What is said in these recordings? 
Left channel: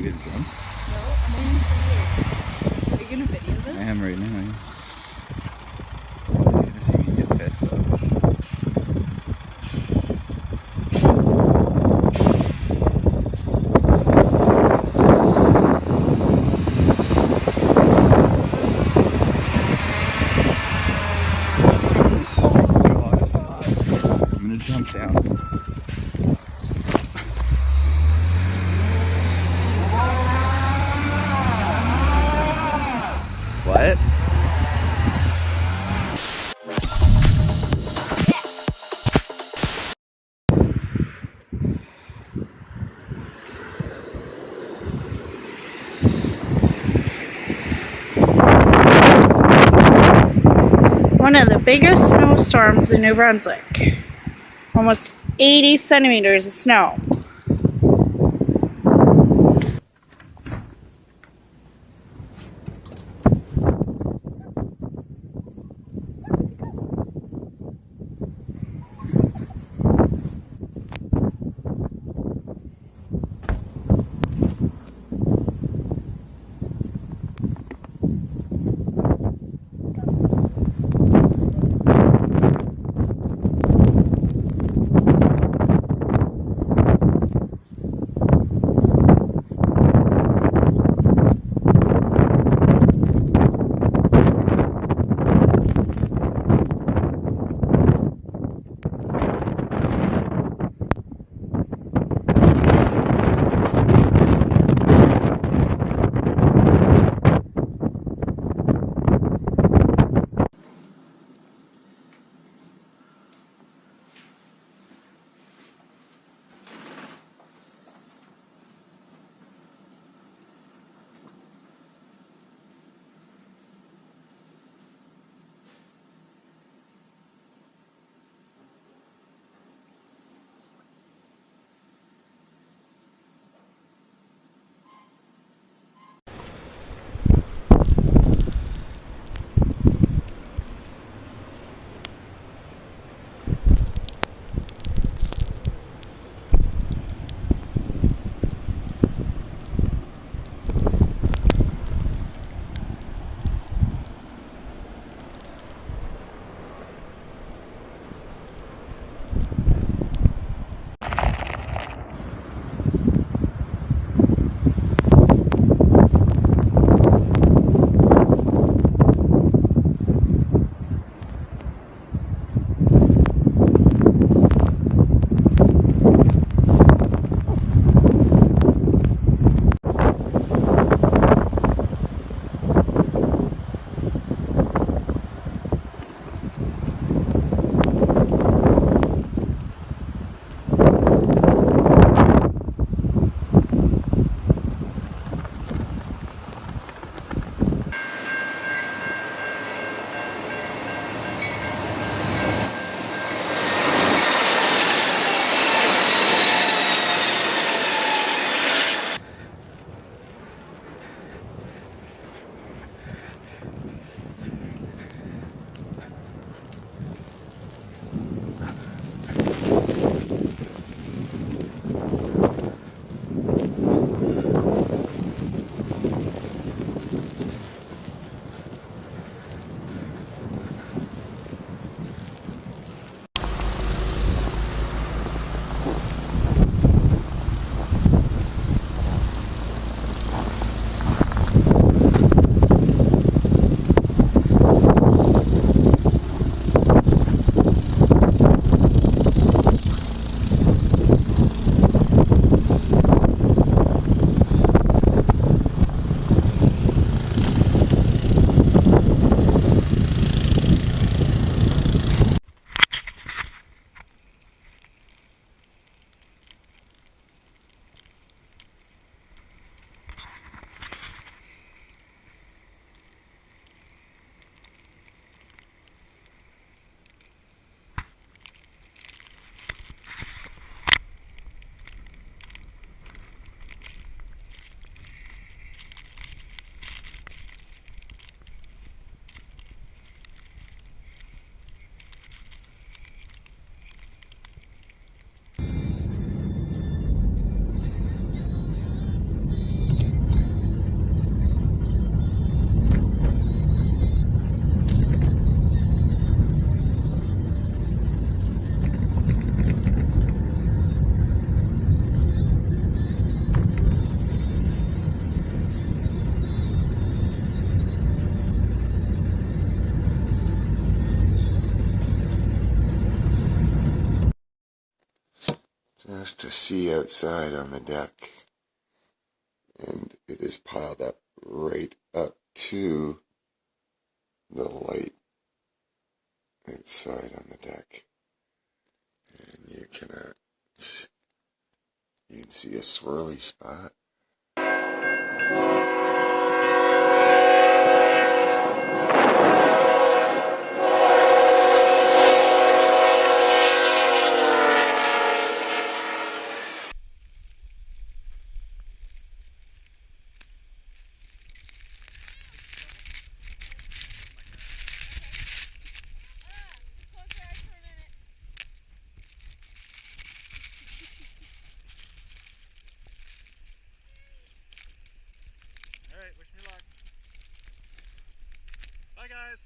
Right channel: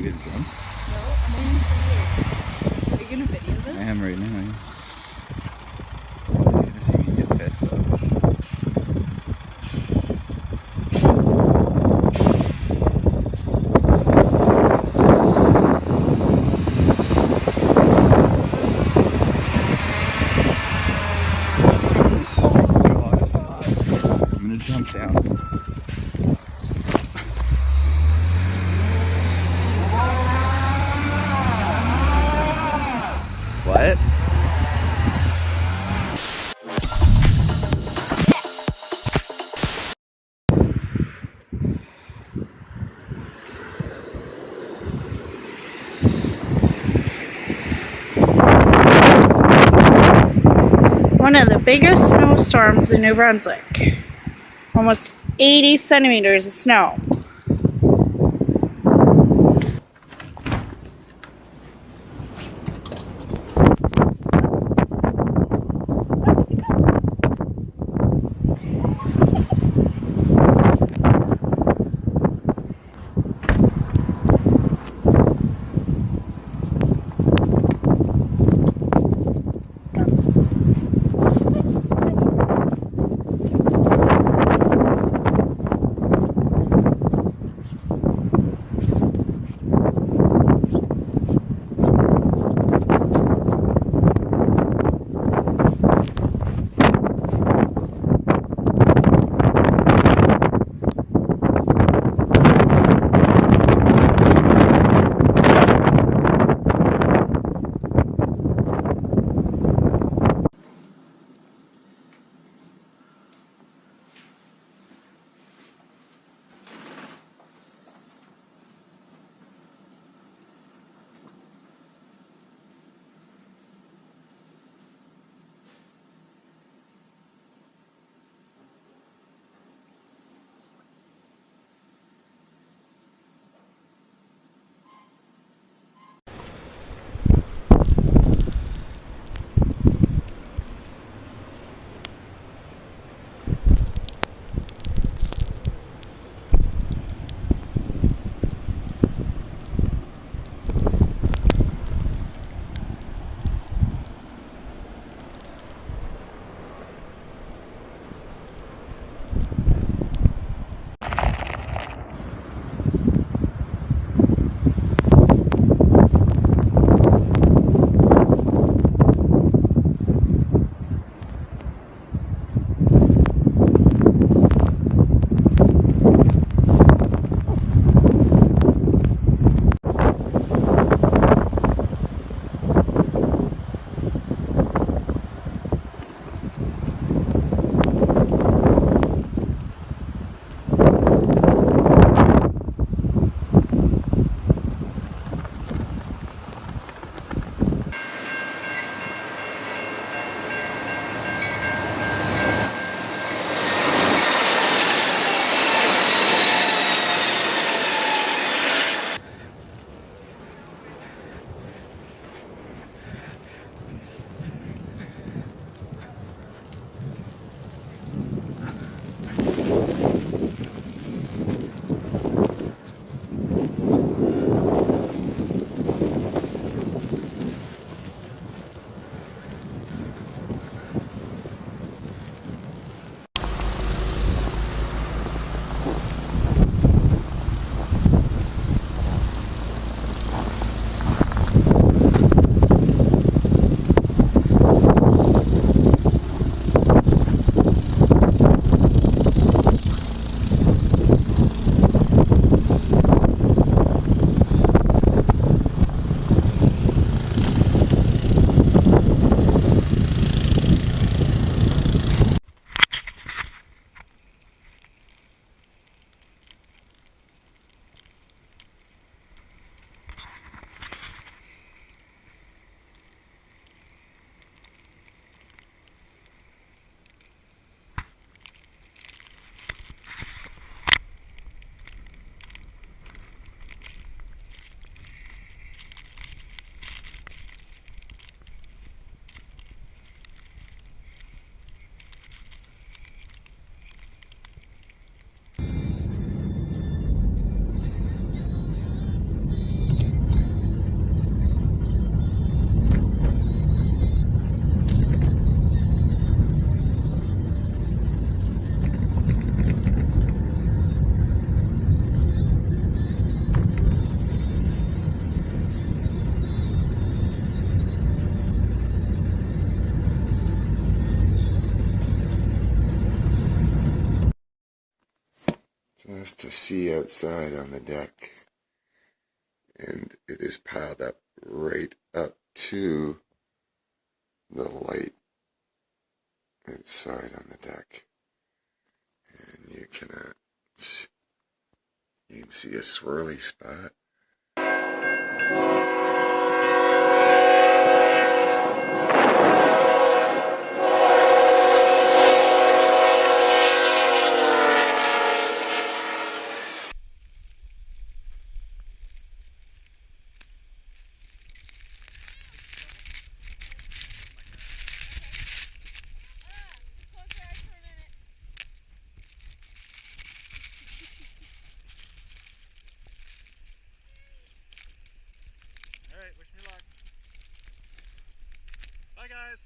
we gonna jump? No, I'm only video. Are you gonna video this? I am right now. I just gonna see me get pissed off. I'm gonna jump down. What? One of the biggest snowstorms in New Brunswick. Almost 80 centimeters of snow. just to see outside on the deck. And it is piled up right up to the light outside on the deck. And you can see a swirly spot. Alright, wish me luck. Bye guys!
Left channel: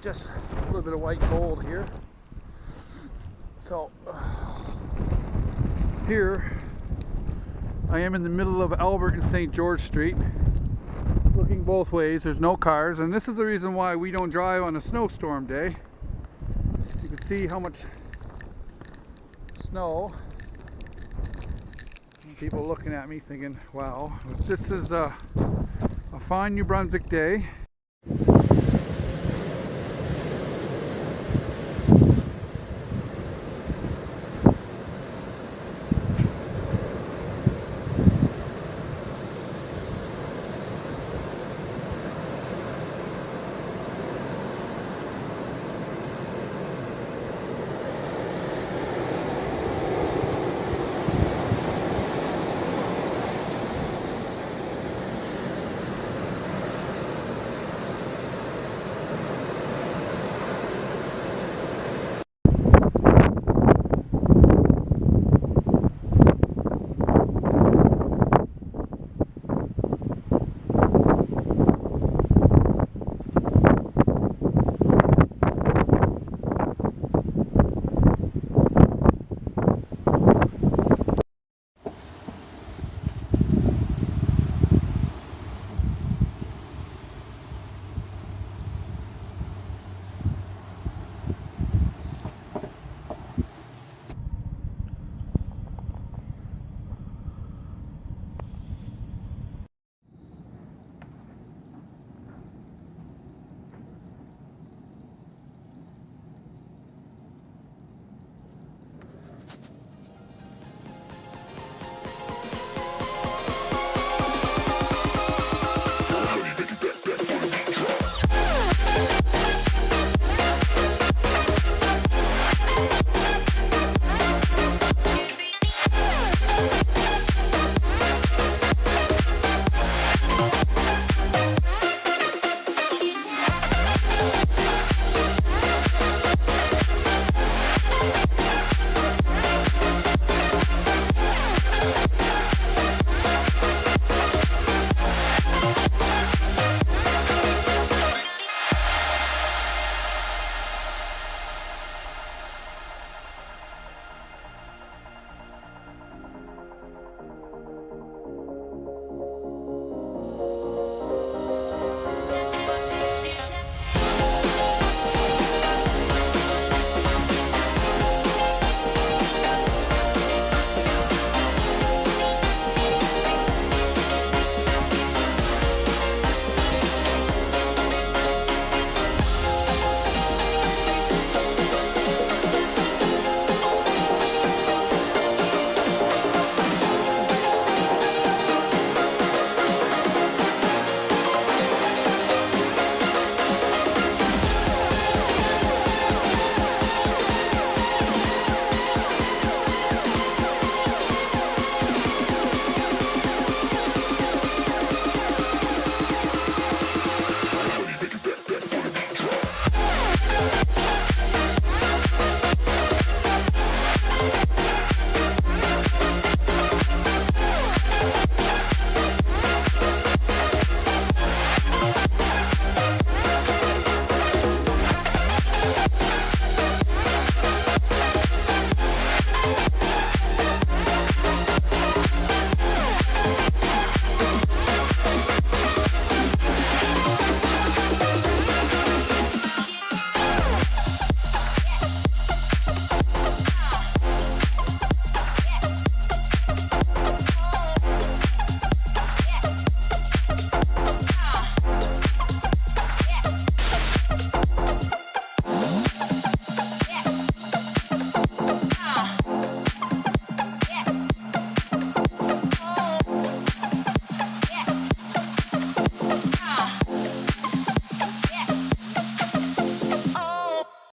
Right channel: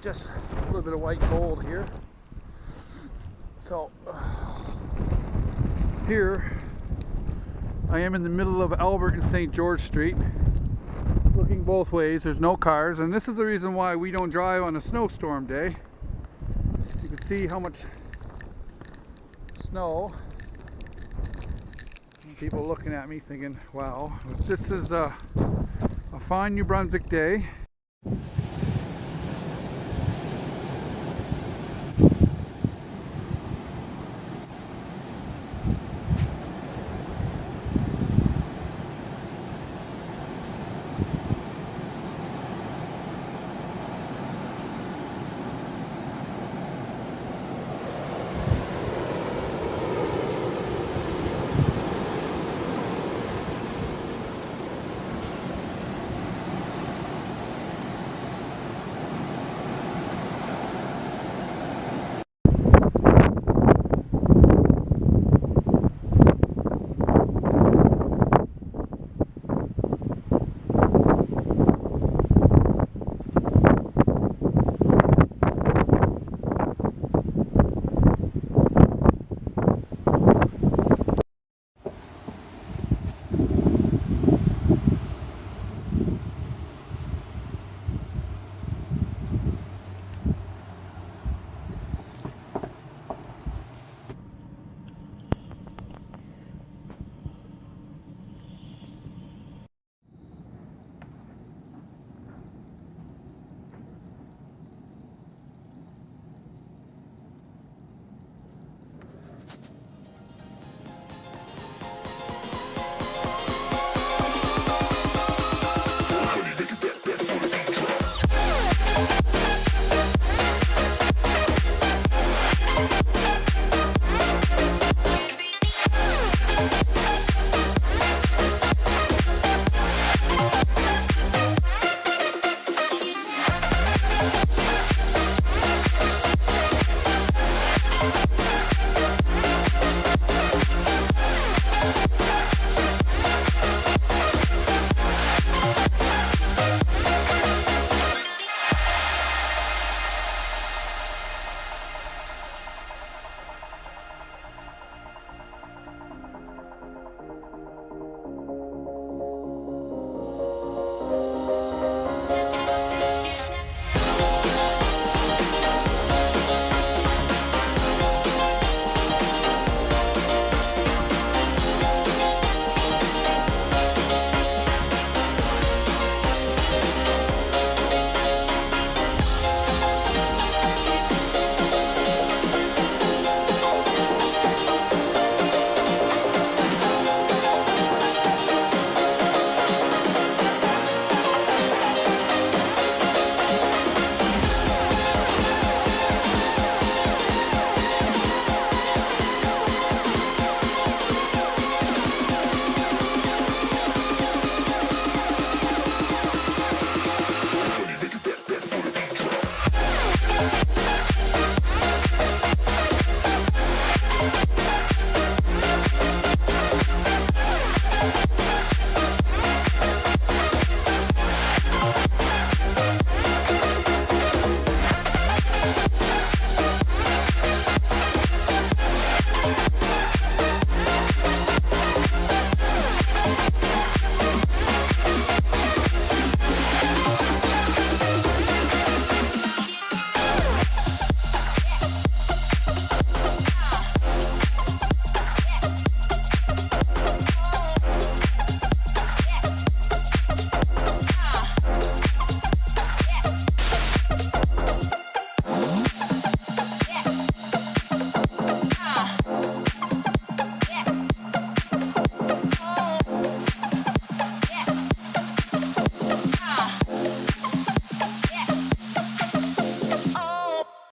Just a little bit of white gold here. So here I am in the middle of Albert and St. George Street, looking both ways. There's no cars, and this is the reason why we don't drive on a snowstorm day. You can see how much snow. People looking at me thinking, wow, this is a fine New Brunswick day.